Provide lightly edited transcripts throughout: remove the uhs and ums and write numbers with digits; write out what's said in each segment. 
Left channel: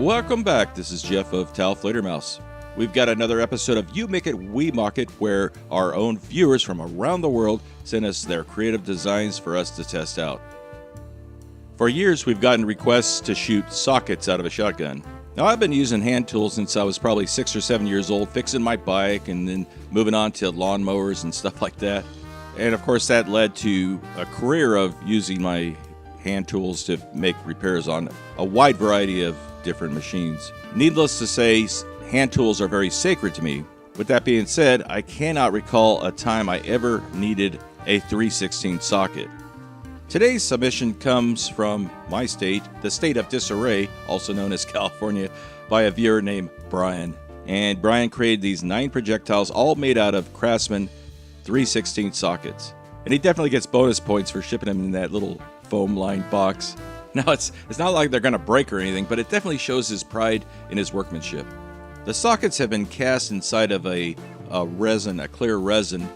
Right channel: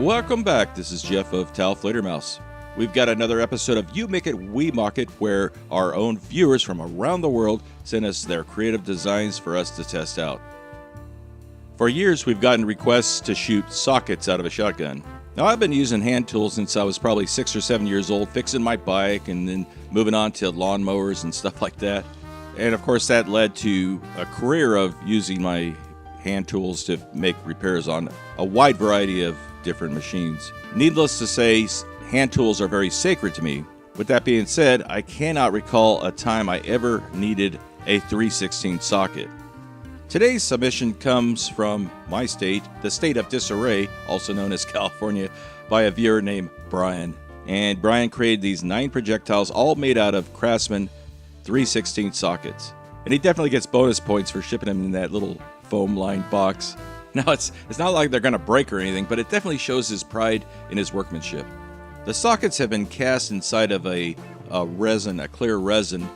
Welcome back. This is Jeff of Towel Mouse. We've got another episode of You Make It, We Mock It, where our own viewers from around the world send us their creative designs for us to test out. For years, we've gotten requests to shoot sockets out of a shotgun. Now, I've been using hand tools since I was probably 6 or 7 years old, fixing my bike and then moving on to lawnmowers and stuff like that. And of course, that led to a career of using my hand tools to make repairs on a wide variety of different machines. Needless to say, hand tools are very sacred to me. With that being said, I cannot recall a time I ever needed a 3/16 socket. Today's submission comes from my state, the state of disarray, also known as California, by a viewer named Brian. And Brian created these 9 projectiles, all made out of Craftsman 3/16 sockets. And he definitely gets bonus points for shipping them in that little foam-lined box. Now, it's not like they're going to break or anything, but it definitely shows his pride in his workmanship. The sockets have been cast inside of a clear resin.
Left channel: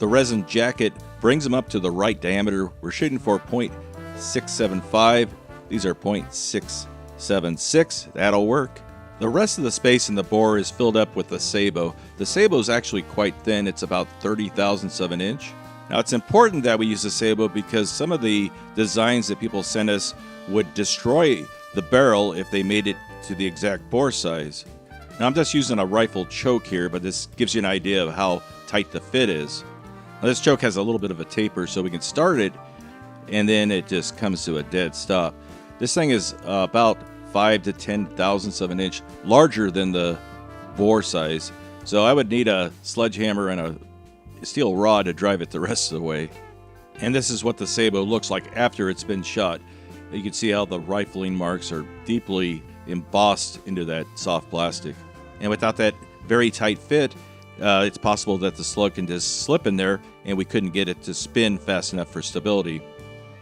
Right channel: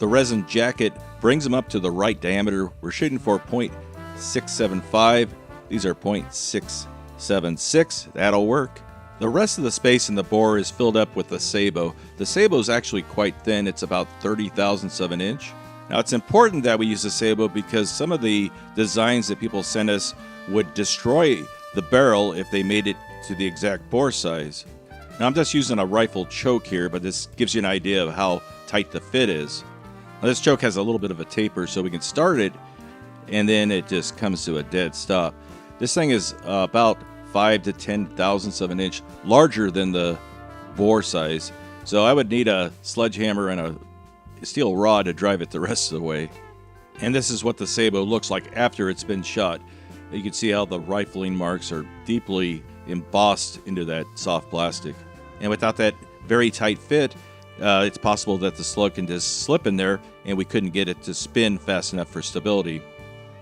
The resin jacket brings them up to the right diameter. We're shooting for 0.675. These are 0.676. That'll work. The rest of the space in the bore is filled up with the sabot. The sabot is actually quite thin. It's about 30 thousandths of an inch. Now, it's important that we use the sabot because some of the designs that people send us would destroy the barrel if they made it to the exact bore size. Now, I'm just using a rifle choke here, but this gives you an idea of how tight the fit is. Now, this choke has a little bit of a taper, so we can start it, and then it just comes to a dead stop. This thing is about 5 to 10 thousandths of an inch larger than the bore size, so I would need a sledgehammer and a steel rod to drive it the rest of the way. And this is what the sabot looks like after it's been shot. You can see how the rifling marks are deeply embossed into that soft plastic. And without that very tight fit, it's possible that the slug can just slip in there and we couldn't get it to spin fast enough for stability.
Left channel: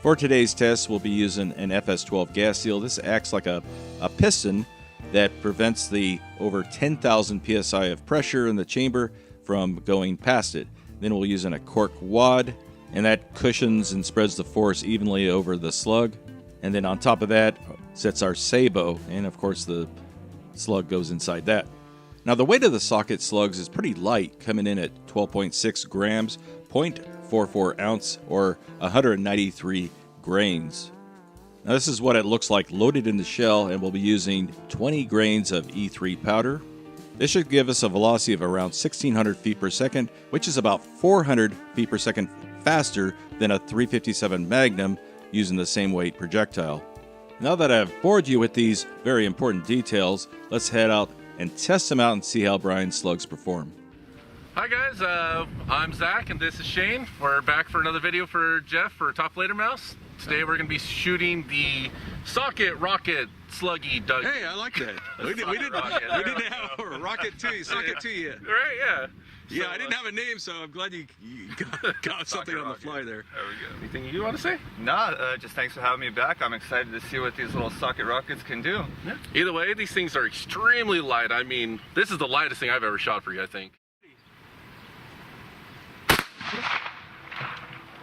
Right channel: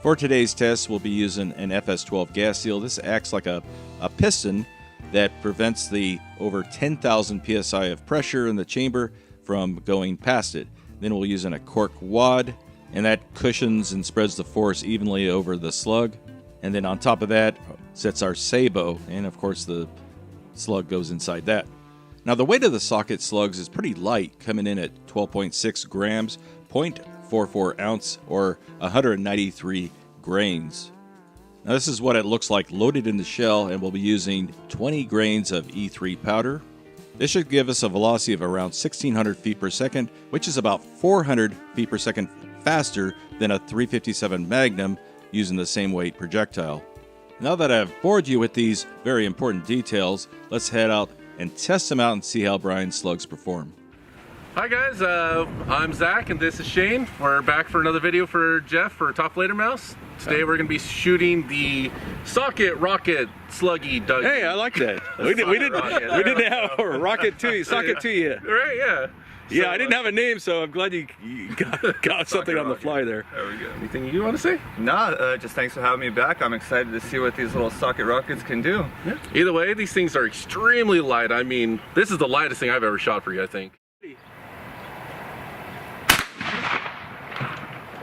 For today's test, we'll be using an FS12 gas seal. This acts like a piston that prevents the over 10,000 psi of pressure in the chamber from going past it. Then we'll use a cork wad, and that cushions and spreads the force evenly over the slug. And then on top of that sits our sabot, and of course the slug goes inside that. Now, the weight of the socket slugs is pretty light, coming in at 12.6 grams, 0.44 ounce, or 193 grains. Now, this is what it looks like loaded in the shell, and we'll be using 20 grains of E3 powder. This should give us a velocity of around 1,600 feet per second, which is about 400 feet per second faster than a 357 Magnum using the same weight projectile. Now that I've bored you with these very important details, let's head out and test them out and see how Brian's slugs perform. Hi guys, I'm Zach and this is Shane. We're back for another video for Jeff for Top Later Mouse. Today we're going to be shooting the Socket Rocket Sluggy Doug. Hey, I like that. we didn't have a rocket to you, socket to you. Right, yeah. Yeah, So, I didn't have a name, so I'm glad you got something on the fly there. There we go. Anything you want to say? No, just thanks for having me back. I'm excited to see what these little socket rockets can do. Yeah. Either way, these things are extremely light. I mean, this is the lightest thing I've ever shot for you, I think.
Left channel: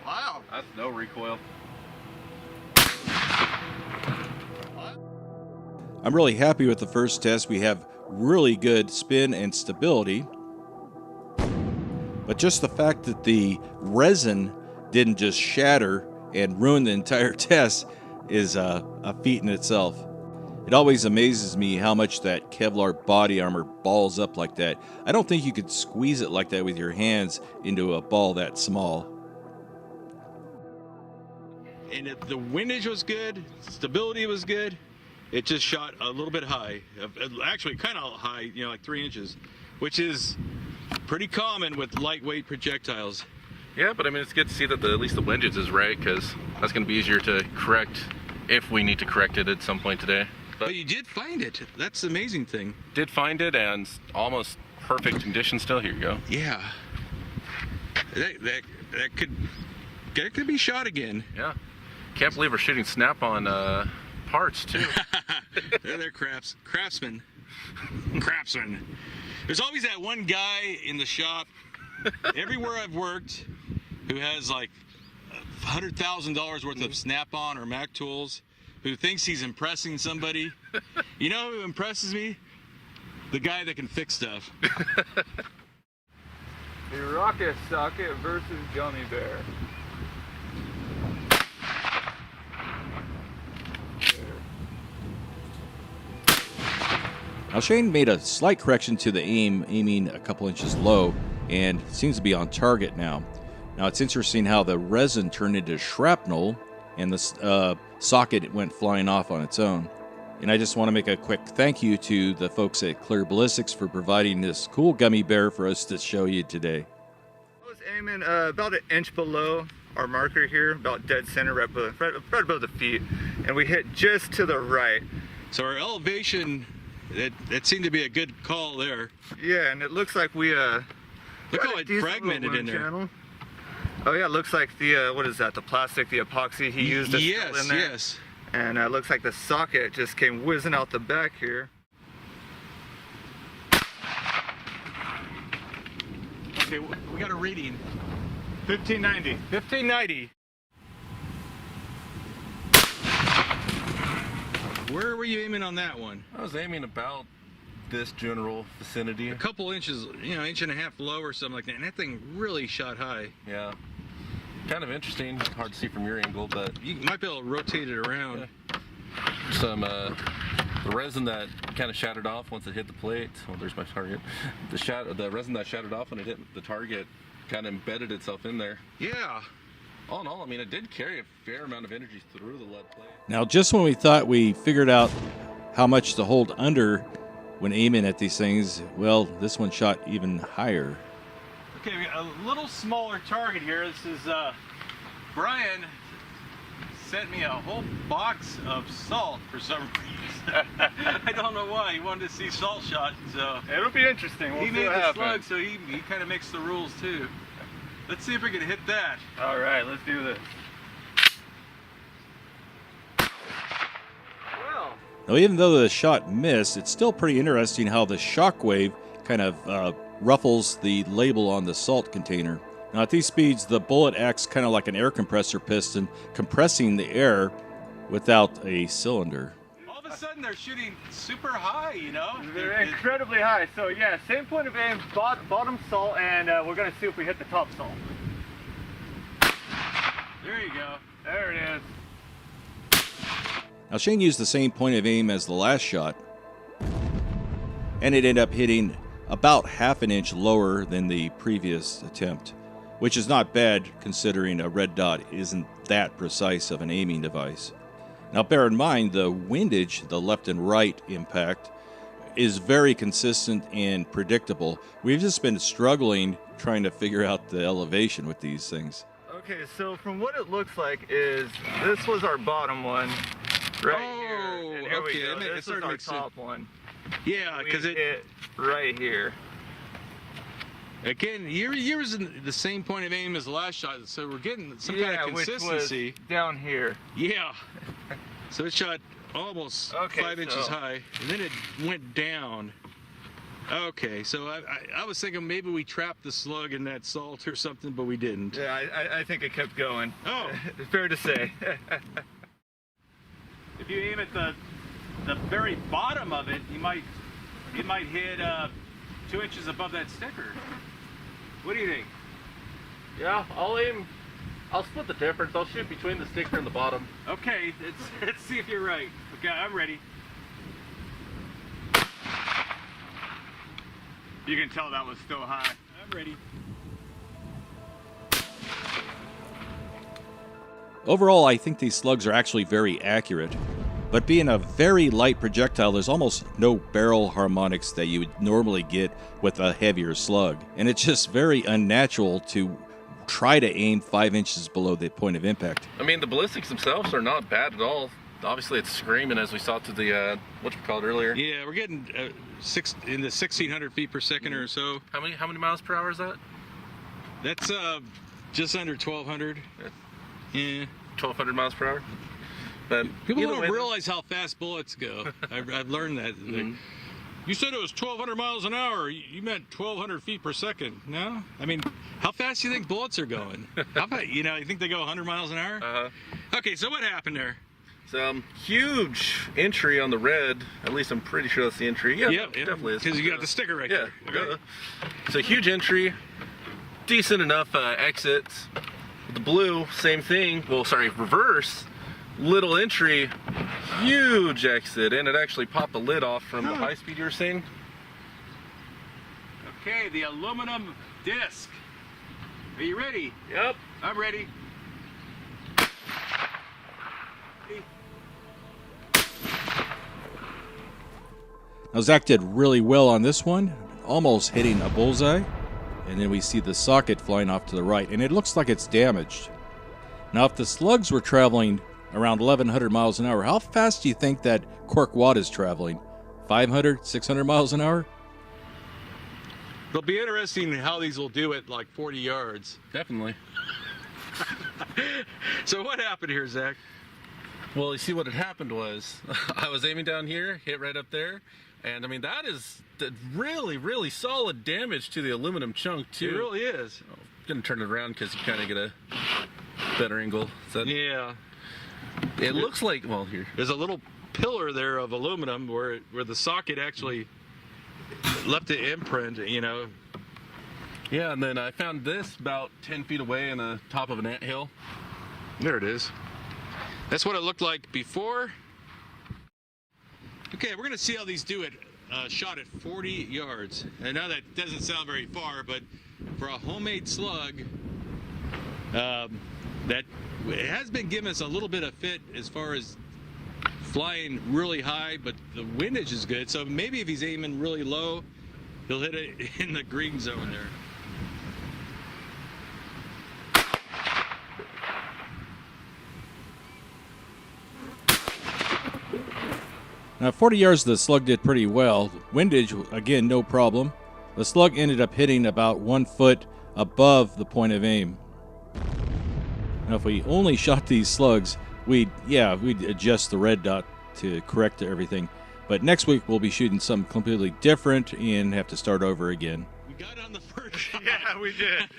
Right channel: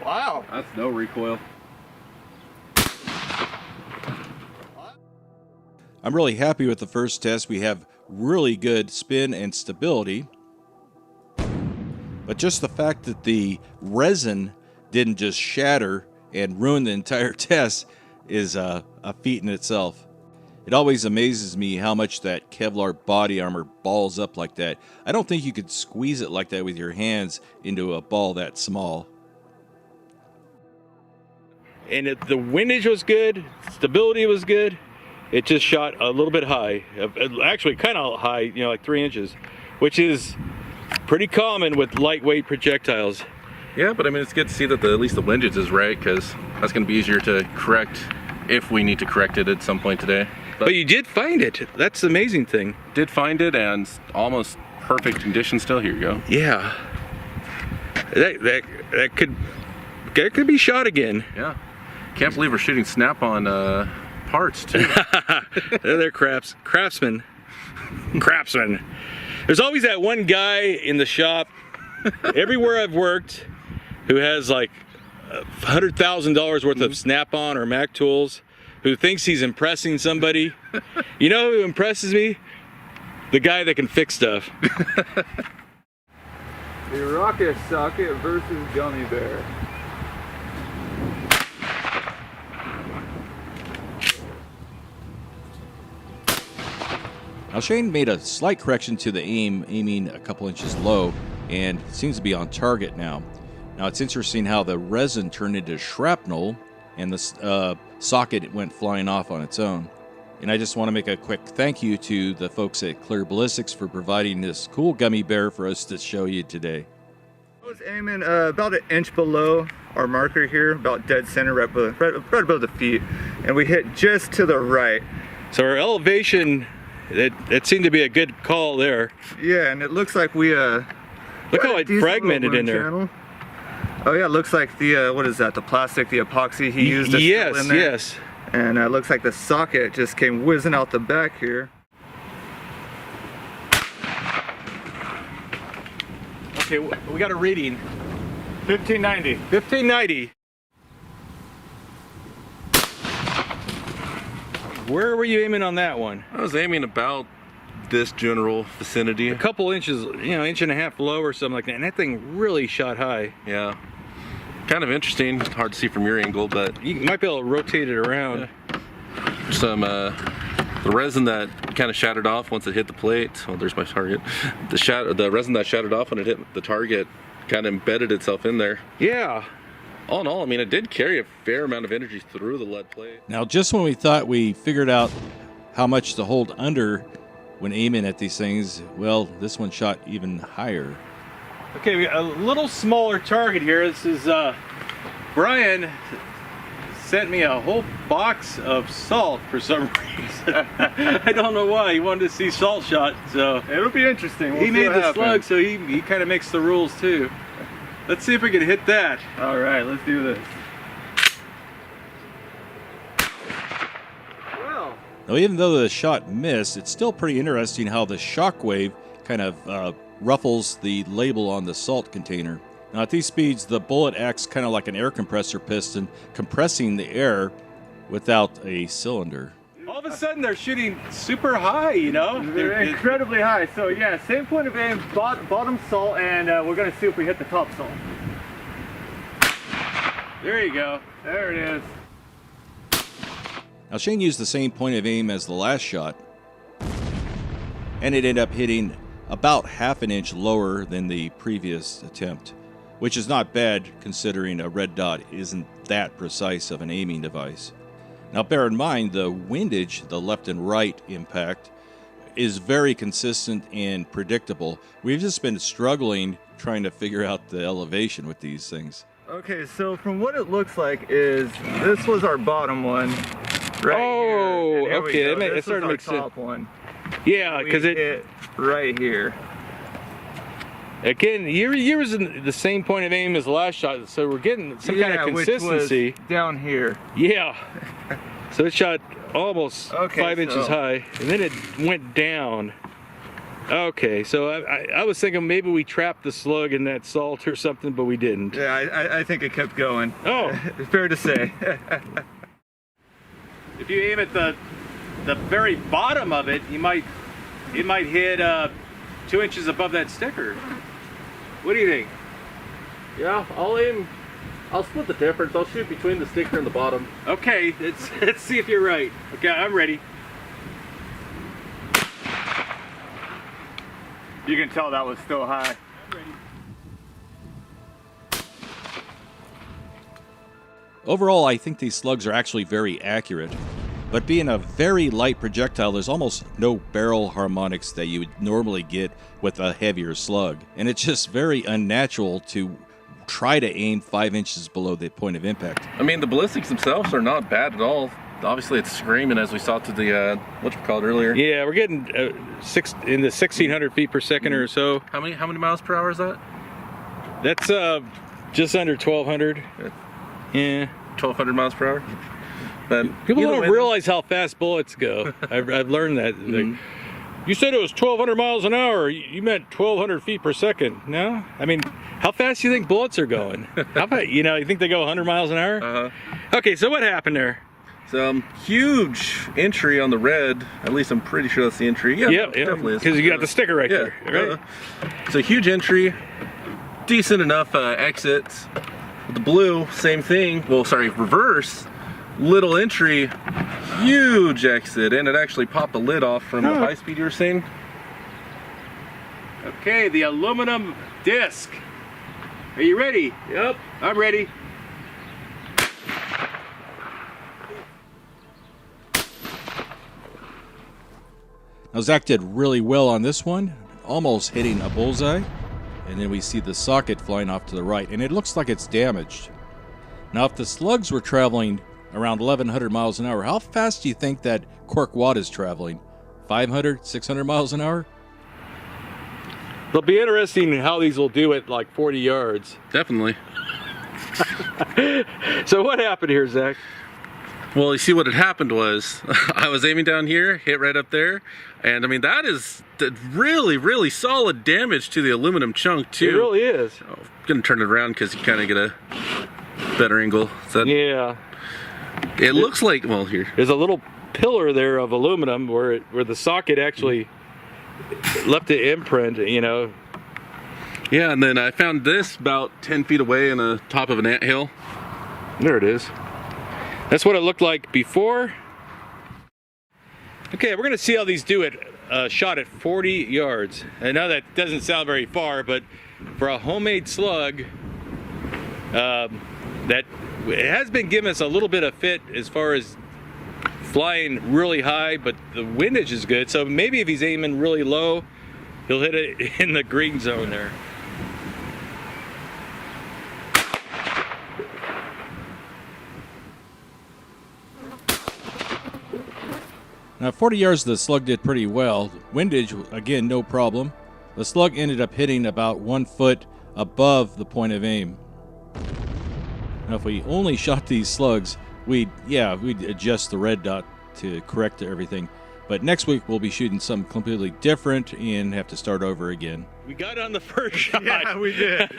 Wow. That's no recoil. I'm really happy with the first test. We have really good spin and stability. But just the fact that the resin didn't just shatter and ruin the entire test is a feat in itself. It always amazes me how much that Kevlar body armor balls up like that. I don't think you could squeeze it like that with your hands into a ball that small. And the windage was good, stability was good. It just shot a little bit high, actually kind of high, like 3 inches, which is pretty common with lightweight projectiles. Yeah, but I mean, it's good to see that at least the windage is right, because that's going to be easier to correct if we need to correct it at some point today. But you did find it. That's the amazing thing. Did find it, and almost perfect condition still. Here you go. Yeah. That could be shot again. Yeah. Can't believe we're shooting snap-on parts, too. They're craftsmen. Craftsman. There's always that one guy in the shop, everywhere I've worked, who has like $100,000 worth of Snap-on or Mac tools, who thinks he's impressing somebody. You know who impresses me? The guy that can fix stuff. The rocket socket versus gummy bear. Now Shane made a slight correction to the aiming a couple inches low, and seems to be on target now. Now it's interesting how the resin turned into shrapnel, and the socket went flying off on its own. And I just want to make a quick thank you to the folks at Clear Ballistics for providing this cool gummy bear for us to show you today. I was aiming about an inch below our marker here, about dead center, right above the feet, and we hit just to the right. So our elevation, that seemed to be a good call there. Yeah, and it looks like we look how it fragmented in there. Channel. Oh yeah, it looks like the what is that? The plastic, the epoxy he used is still in there. Yes. And it looks like the socket just came whizzing out the back here. Okay, we got a reading. 1590. 1590. Where were you aiming on that one? I was aiming about this general vicinity. A couple inches, you know, inch and a half low or something like that, and that thing really shot high. Yeah. Kind of interesting. Hard to see from your angle, but You might be able to rotate it around. yeah. Some the resin that kind of shattered off once it hit the plate. Oh, there's my target. The resin that shattered off when it hit the target kind of embedded itself in there. Yeah. All in all, I mean, it did carry a fair amount of energy through the lead plate. Now just when we thought we figured out how much to hold under when aiming at these things, well, this one shot even higher. Okay, we got a little smaller target here. This is Brian sent me a whole box of salt for some reason. I don't know why. He wanted to see salt shot, so It'll be interesting. We'll he see made what the happens. slug, so he kind of makes the rules too. Let's see if we can hit that. All right, let's do this. Well, Now even though the shot missed, it's still pretty interesting how the shockwave kind of ruffles the label on the salt container. Now at these speeds, the bullet acts kind of like an air compressor piston, compressing the air without a cylinder. All of a sudden, they're shooting super high, you know? they're incredibly high. So yeah, same point of aim, bottom salt, and we're gonna see if we hit the top salt. There you go. There it is. Now Shane used the same point of aim as the last shot, and it ended up hitting about half an inch lower than the previous attempt, which is not bad considering a red dot isn't that precise of an aiming device. Now bear in mind the windage, the left and right impact, is very consistent and predictable. We've just been struggling trying to figure out the elevation with these things. Okay, so from what it looks like is this was our bottom one right here. And here we okay, go. that This started is to our make sense. top one. Yeah, We because it hit right here. again, you're using the same point of aim as the last shot, so we're getting some kind of consistency. Which was down here. Yeah. So it shot almost Okay, 5 inches high, and then it went down. Okay, so I was thinking maybe we trapped the slug in that salt or something, but we didn't. Yeah, I think it kept going. Oh. Fair to say. If you aim at the very bottom of it, it might hit 2 inches above that sticker. What do you think? Yeah, I'll split the difference. I'll shoot between the sticker and the bottom. Okay, let's see if you're right. Okay, I'm ready. You can tell that was still high. I'm ready. Overall, I think these slugs are actually very accurate, but being a very light projectile, there's almost no barrel harmonics that you would normally get with a heavier slug, and it's just very unnatural to try to aim 5 inches below the point of impact. I mean, the ballistics themselves are not bad at all. Obviously, it's screaming as we saw to the whatchamacallit earlier. Yeah, we're getting in the 1,600 feet per second or so. How many miles per hour is that? That's just under 1,200. Yeah. 1,200 miles per hour. But People either don't way, realize how fast bullets go. I've learned that. Like, you said it was 1,200 miles an hour. You meant 1,200 feet per second. No? I mean, how fast do you think bullets are going? How fast, you think they go 100 miles an hour? Uh-huh. Okay, so what happened there? Some huge entry on the red. At least I'm pretty sure that's the entry. Yeah, Yep, definitely is. because you got the sticker right Yeah, there. Right? it's a huge entry. Decent enough exits. With the blue, same thing. Well, sorry, reverse. Little entry, huge exit, and it actually popped the lid off from the high speed you were saying. Okay, the aluminum disc. Are you ready? Yep. I'm ready. Now Zach did really well on this one, almost hitting a bullseye. And then we see the socket flying off to the right, and it looks like it's damaged. Now, if the Slugs were traveling around 1,100 miles an hour, how fast do you think that cork wad is traveling? 500, 600 miles an hour? It'll be interesting how these will do at like 40 yards. Definitely. So what happened here, Zach? Well, you see what had happened was I was aiming down here, hit right up there, and I mean that is really, really solid damage to the aluminum chunk too. It really is. I'm gonna turn it around because you kind of get a better angle. Is that, Yeah. It looks like, well, here. There's a little pillar there of aluminum where the socket actually left the imprint, you know. Yeah, and then I found this about 10 feet away in the top of an anthill. There it is. That's what it looked like before. Okay, we're gonna see how these do it shot at 40 yards. I know that doesn't sound very far, but for a homemade slug, that it has been giving us a little bit of fit as far as flying really high, but the windage is good. So maybe if he's aiming really low, he'll hit it in the green zone there. Now, 40 yards, the Slug did pretty well. Windage, again, no problem. The Slug ended up hitting about 1 foot above the point of aim. Now, if we only shot these Slugs, we'd adjust the red dot to correct everything. But next week, we'll be shooting something completely different and have to start over again. We got on the first shot. Yeah, we did.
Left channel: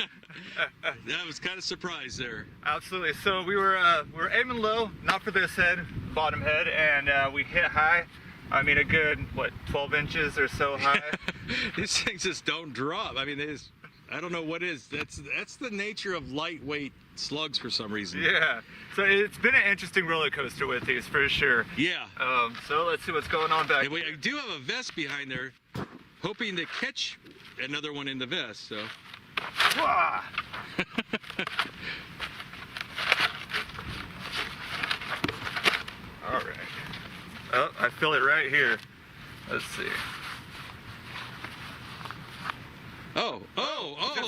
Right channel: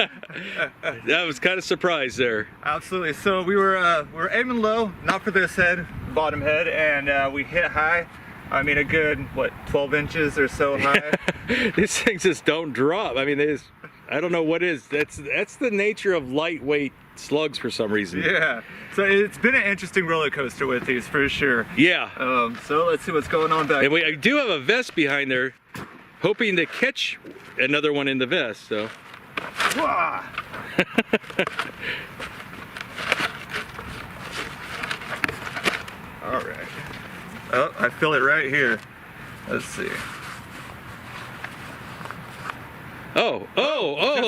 That was kind of surprised there. Absolutely. So we were aiming low, not for this head, bottom head, and we hit high. I mean, a good, what, 12 inches or so high. These things just don't drop. I mean, I don't know what is. That's the nature of lightweight slugs for some reason. Yeah. So it's been an interesting roller coaster with these for sure. Yeah. So let's see what's going on back. And I do have a vest behind there, hoping to catch another one in the vest. So. Wah! All right. Oh, I feel it right here. Let's see. Oh!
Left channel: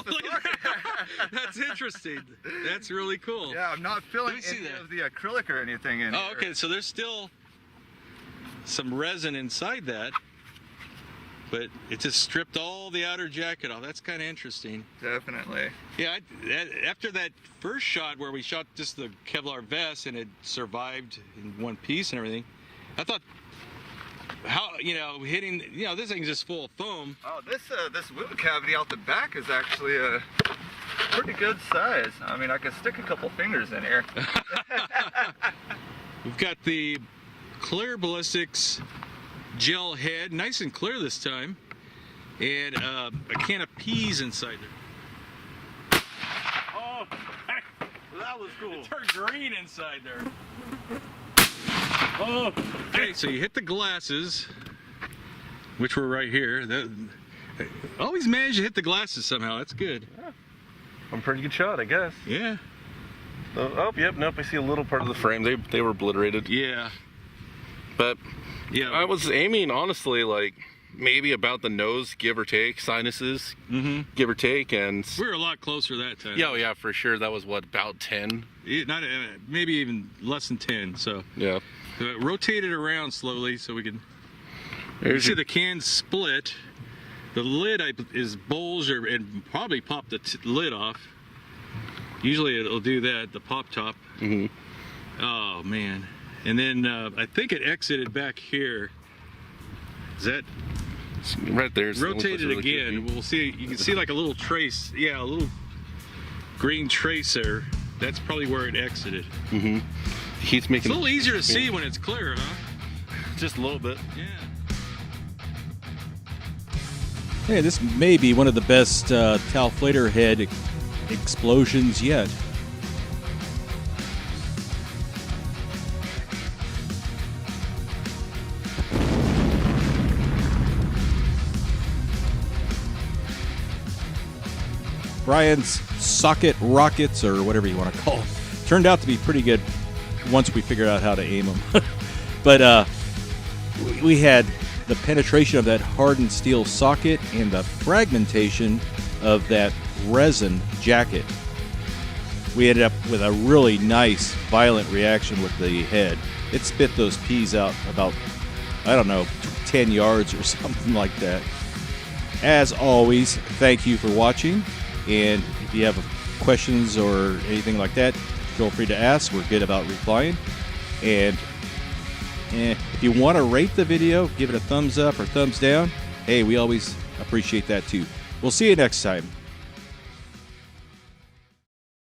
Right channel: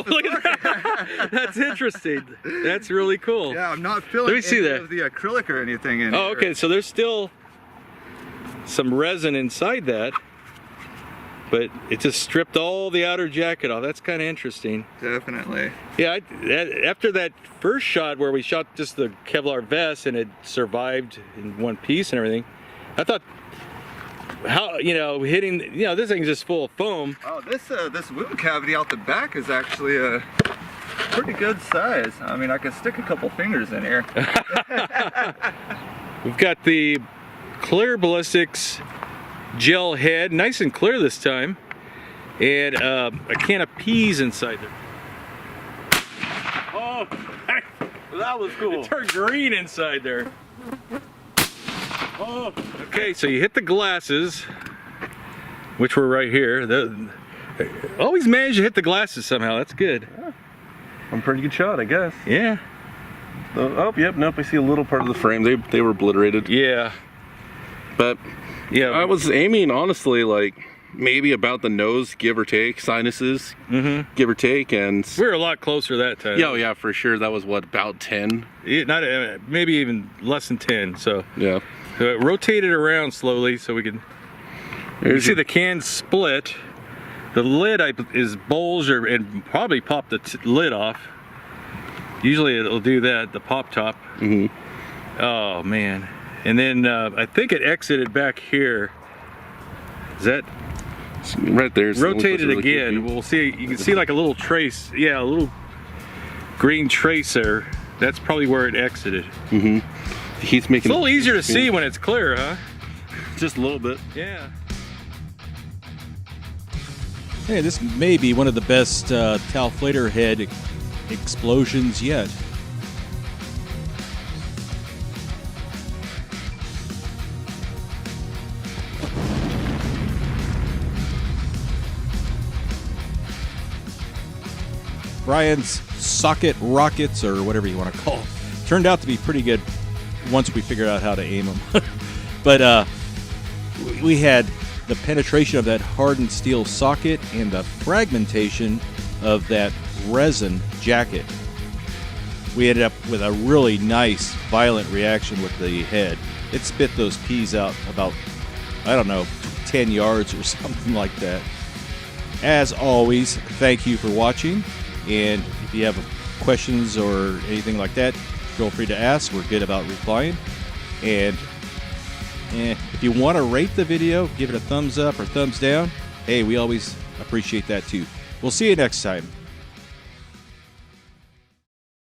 Look at that. That's interesting. That's really cool. Yeah, I'm not feeling Let me see any that. of the acrylic or anything in here. Oh, okay. So there's still some resin inside that, but it just stripped all the outer jacket off. That's kind of interesting. Definitely. Yeah, after that first shot where we shot just the Kevlar vest and it survived in one piece and everything, I thought, hitting, this thing's just full of foam. Oh, this wound cavity out the back is actually a pretty good size. I mean, I can stick a couple fingers in here. We've got the clear ballistics gel head, nice and clear this time, and a can of peas inside there. Oh, that was cool. It turned green inside there. Oh, okay, so you hit the glasses, which were right here. Always managed to hit the glasses somehow. That's good. Yeah. I'm a pretty good shot, I guess. Yeah. Oh, yep, nope, I see a little part of the frame. They were obliterated. Yeah. But yeah, I was aiming, honestly, like maybe about the nose, give or take, sinuses, give or take, and we were a lot closer that time. Yeah, yeah, for sure. That was what, about 10? Not maybe even less than 10. So yeah, rotate it around slowly so we can. You see the can split. The lid is bulged and probably popped the lid off. Usually it'll do that, the pop top. Oh man. And then I think it exited back here. Is that right there? Rotate it again. We'll see. You can see like a little trace. Yeah, a little green trace there. That's probably where it exited. heat's making It's a little easier to see when it's clear, huh? just a little bit. Yeah. Hey, this may be one of the best Talflator head explosions yet. Brian's socket rockets, or whatever you want to call them, turned out to be pretty good once we figured out how to aim them. But we had the penetration of that hardened steel socket and the fragmentation of that resin jacket. We ended up with a really nice, violent reaction with the head. It spit those peas out about, I don't know, 10 yards or something like that. As always, thank you for watching. And if you have questions or anything like that, feel free to ask. We're good about replying. And if you want to rate the video, give it a thumbs up or thumbs down. Hey, we always appreciate that too. We'll see you next time.